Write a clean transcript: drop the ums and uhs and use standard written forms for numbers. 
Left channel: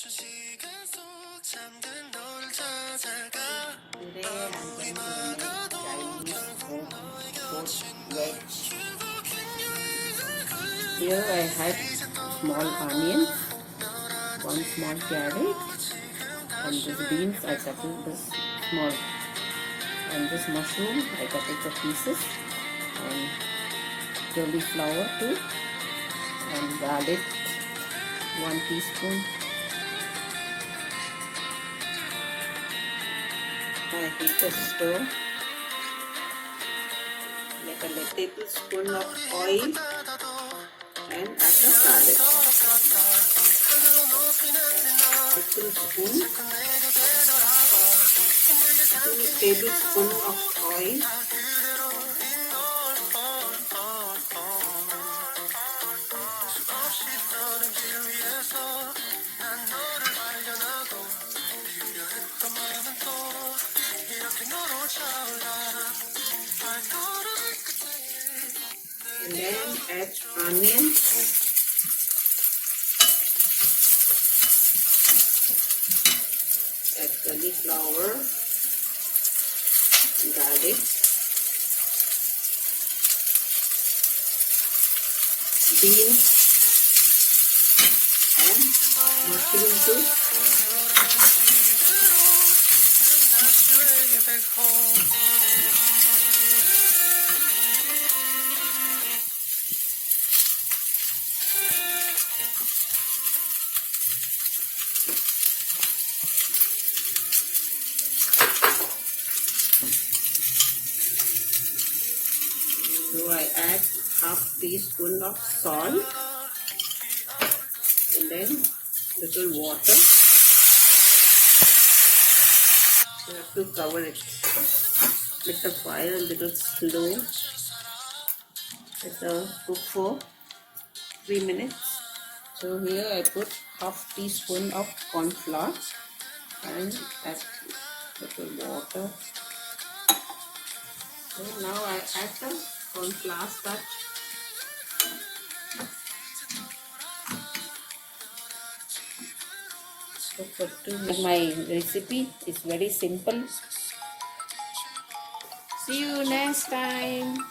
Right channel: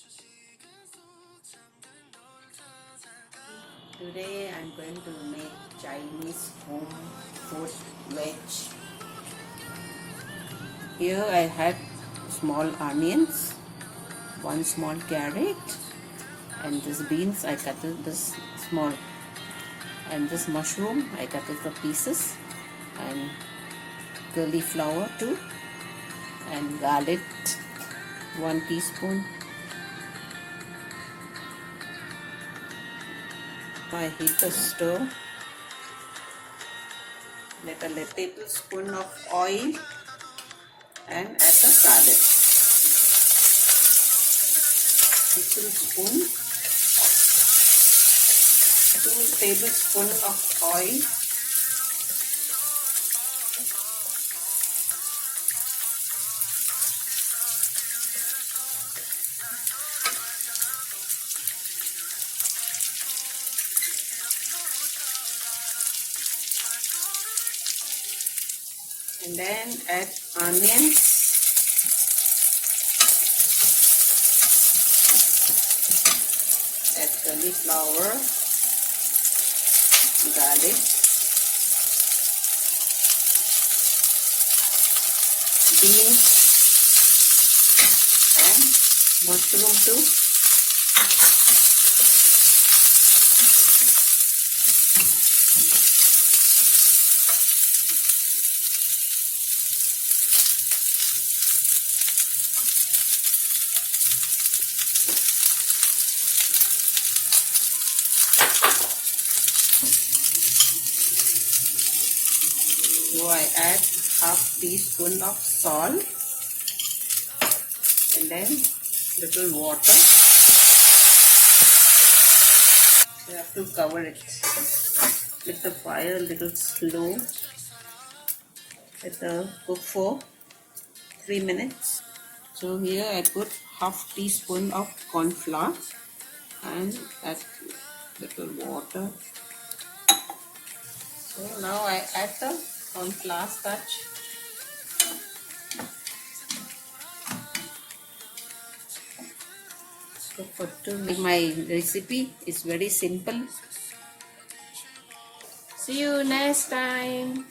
Today I'm going to make Chinese home food veg. Here I have small onions, one small carrot, and this beans I cut it this small, and this mushroom I cut it for pieces, and cauliflower too, and garlic 1 teaspoon. I heat the stove. Let a tablespoon of oil and add the garlic. Baking spoon, 2 tablespoons of oil, and then add onions, add cauliflower, garlic, beans, and mushroom too. So I add half teaspoon of salt and then little water. You have to cover it. Make the fire a little slow. Let it cook for 3 minutes. So here I put half teaspoon of corn flour and add little water. So now I add the corn flour starch. So for to make my recipe is very simple. See you next time.